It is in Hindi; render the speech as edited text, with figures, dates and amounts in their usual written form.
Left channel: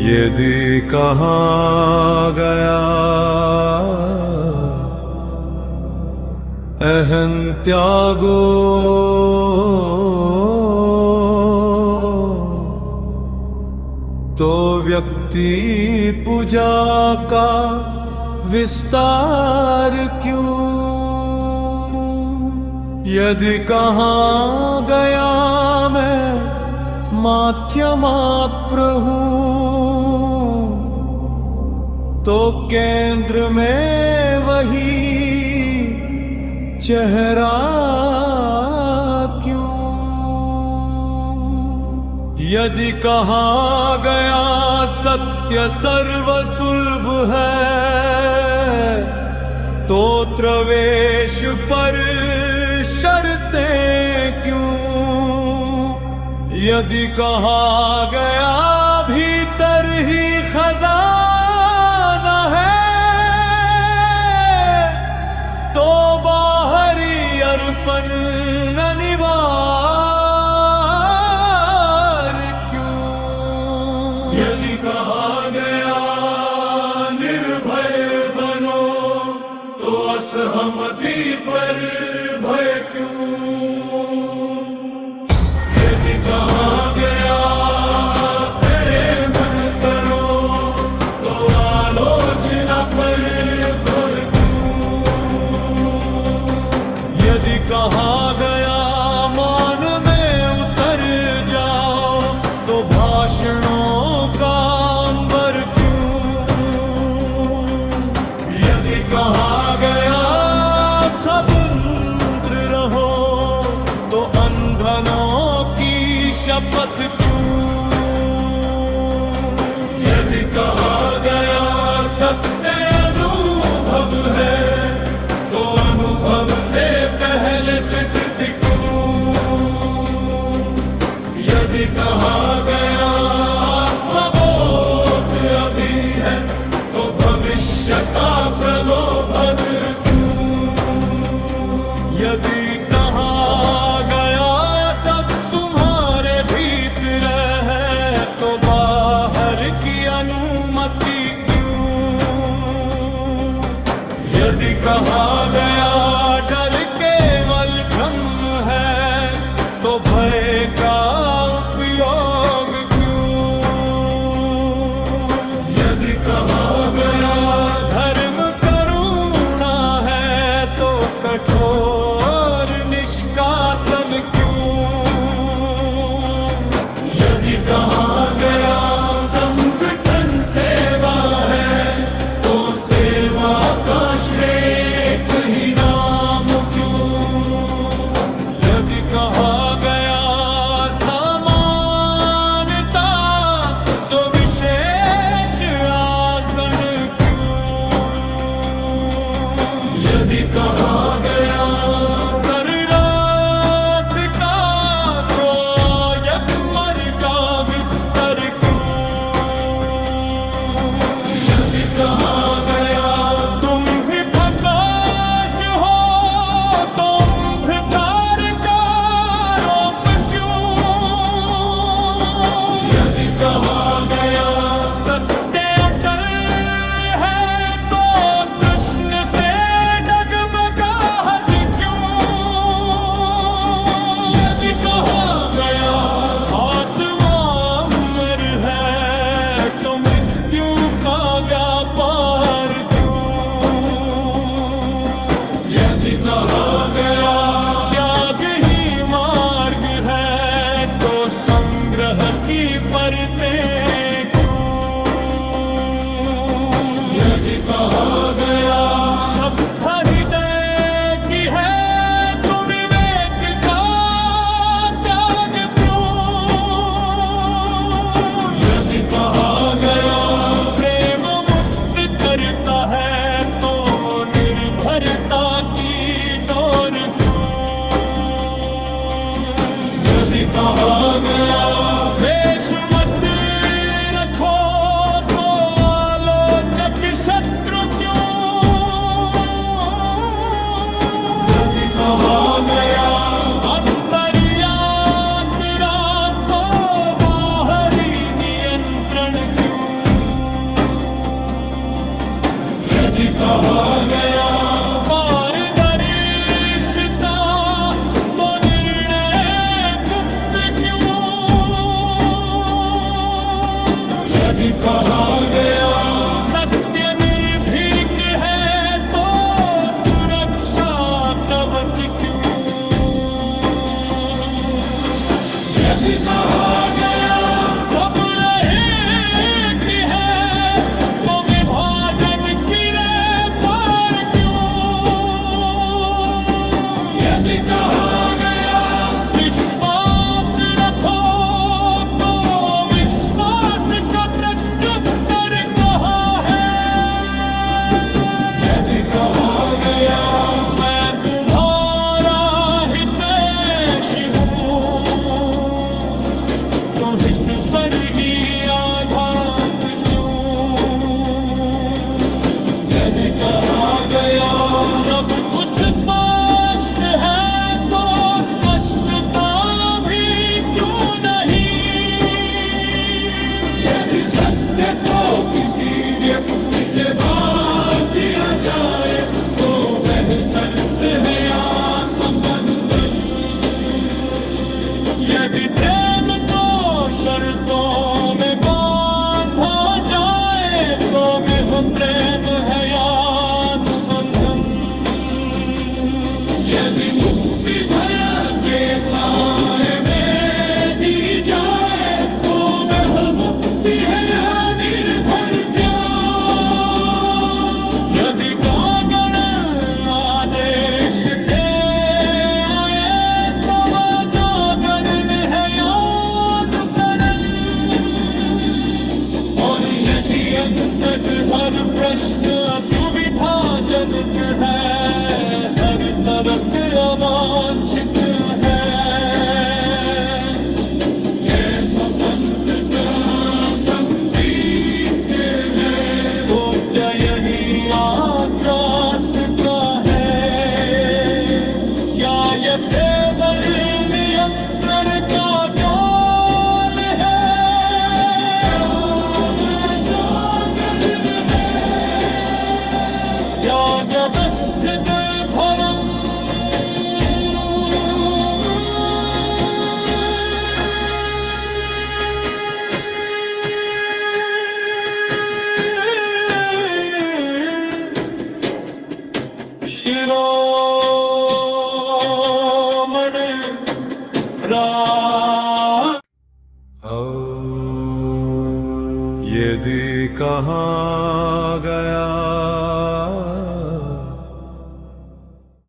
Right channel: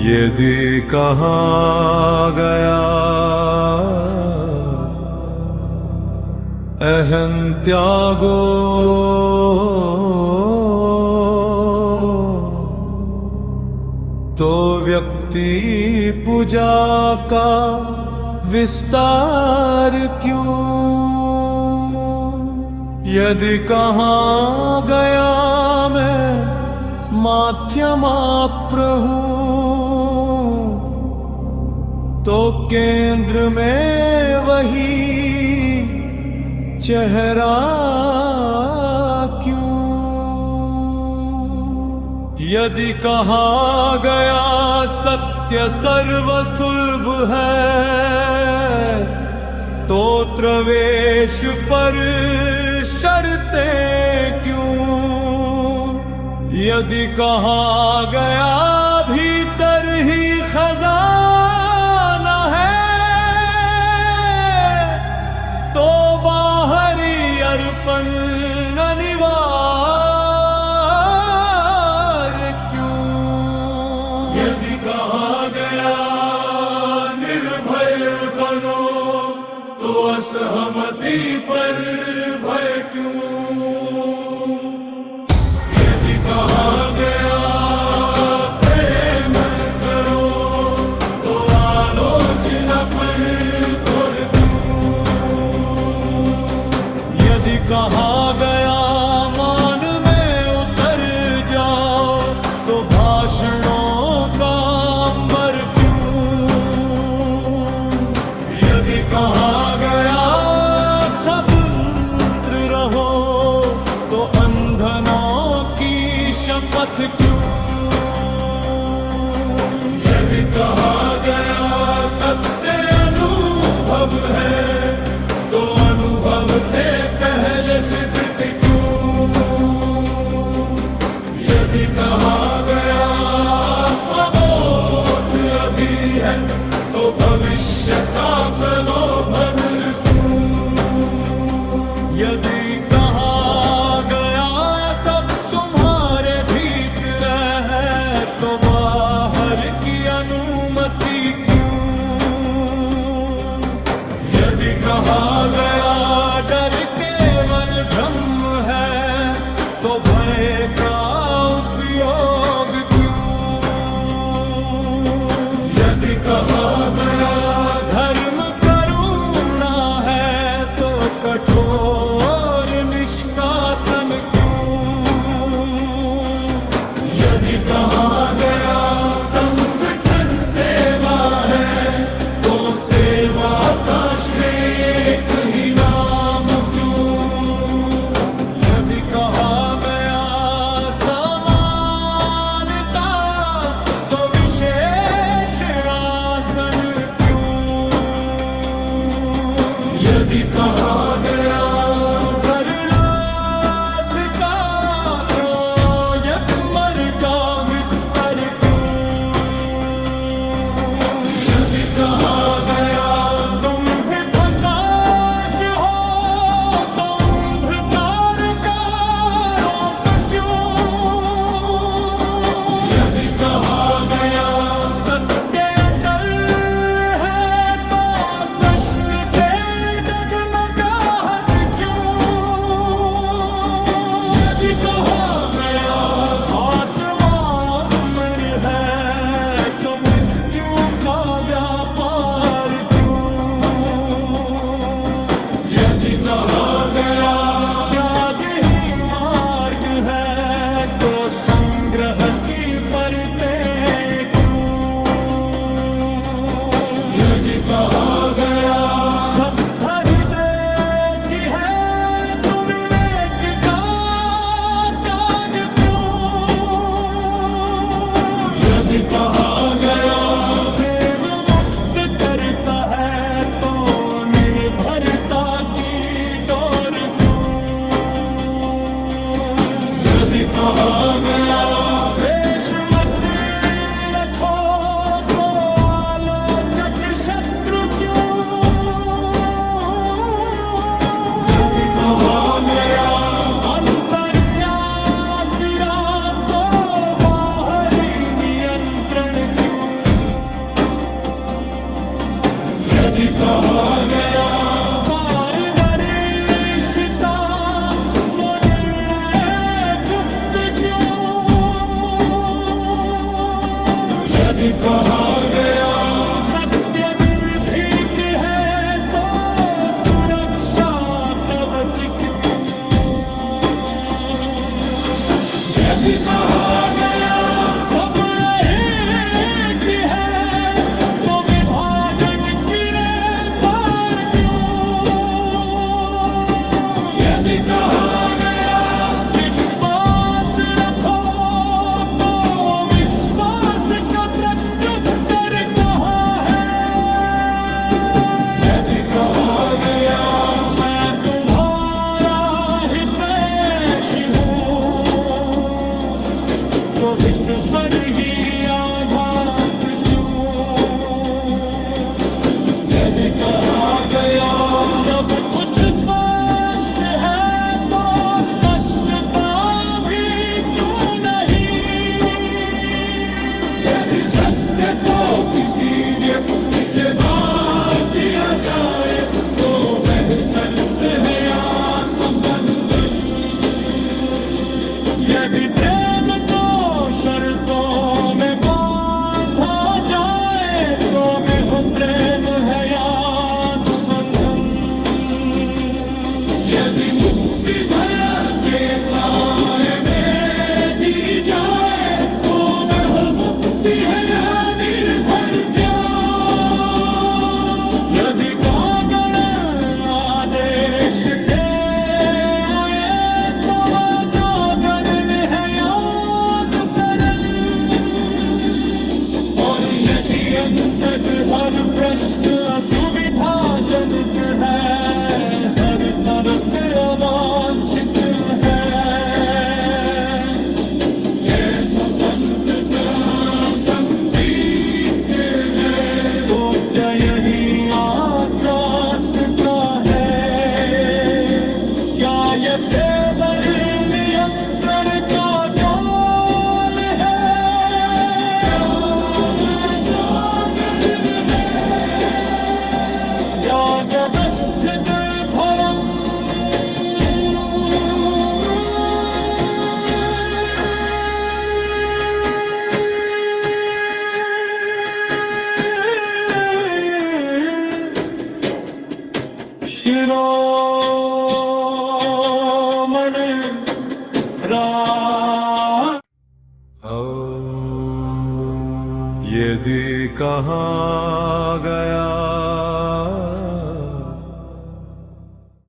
यदि कहा गया अहं त्यागो तो व्यक्ति पूजा का विस्तार क्यों। यदि कहा गया मैं माध्यमाप्र हूँ तो केंद्र में वही चेहरा क्यों। यदि कहा गया सत्य सर्वसुलभ है तो प्रवेश पर शर्तें क्यों। यदि कहा गया भीतर ही खजाना है तो बाहरी अर्पण अनिवार्य क्यों। यदि कहा गया निर्भय बनो तो असहमति पर भय क्यों। यदि कहा गया प्रेम करो तो आलोचना पर घोर क्यों। यदि कहा गया मौन में उतर जाओ तो भाषणों का अंबर क्यों। यदि कहा गया स्वतंत्र रहो तो अंधनों की शपथ क्यों। यदि कहा गया सत्य अनुभव है तो अनुभव से पहले स्वीकृति क्यों। यदि कहा गया आत्मबोध अभी है तो भविष्य का प्रलोभन क्यों। यदि कहा गया सब तुम्हारे भीतर है तो बाहर की अनुमति क्यों। यदि कहा गया डर केवल भ्रम है तो भय का उपयोग क्यों। यदि कहा गया धर्म करुणा है तो कठोर निष्कासन क्यों। यदि कहा गया संगठन सेवा है तो सेवा का श्रेय एक ही नाम क्यों। यदि कहा गया समानता तो विशेष आसन क्यों। यदि कहा गया सरनाथ का गोयमर का विस्तर क्यों। यदि कहा गया तुम ही प्रकाश हो तो अंधकार का आरोप क्यों। यदि कहा गया सत्य अटल है तो प्रश्न से डगमगाहट क्यों। यदि कहा गया आत्मा अमर है तो मृत्यु का व्यापार क्यों। यदि कहा गया त्याग ही मार्ग है तो संग्रह की परतें क्यों। यदि कहा गया सत्ता हृदय की है तो विवेक का त्याग क्यों। यदि कहा गया प्रेम मुक्त करता है तो निर्भरता की डोर क्यों। यदि कहा गया वेश मत रखो तो आलोचक शत्रु क्यों। यदि कहा गया अंतर्यात्रा तो क्यों। सब एक ही है तो विभाजन की रेखा क्यों। यदि कहा गया विश्वास रखो तो विश्वास का प्रत्युत्तर कहाँ है। यदि कहा गया मैं तुम्हारा हितैषी हूँ तो हित पर ही आघात क्यों। यदि कहा गया सब कुछ स्पष्ट है तो स्पष्टता भी क्यों नहीं। यदि सत्य को किसी व्यक्ति से बांध दिया जाए तो वह सत्य है या संबंधन। यदि प्रेम को शर्तों में बांधा जाए तो वह प्रेम है या अनुबंधन। यदि मुक्ति भय के साए में जी जाए तो वह मुक्ति है या निर्भर प्यार। यदि कागण आदेश से आए तो जागरण है या हर प्रश्न सुविधाजनक है हर तर्क अवांछित है। संबंध का संगीत है तो क्या यही प्राप्त का है या यह केवल नियंत्रण का जाल है। या व्यवस्थित भरम शिरोमण यदि कहा गया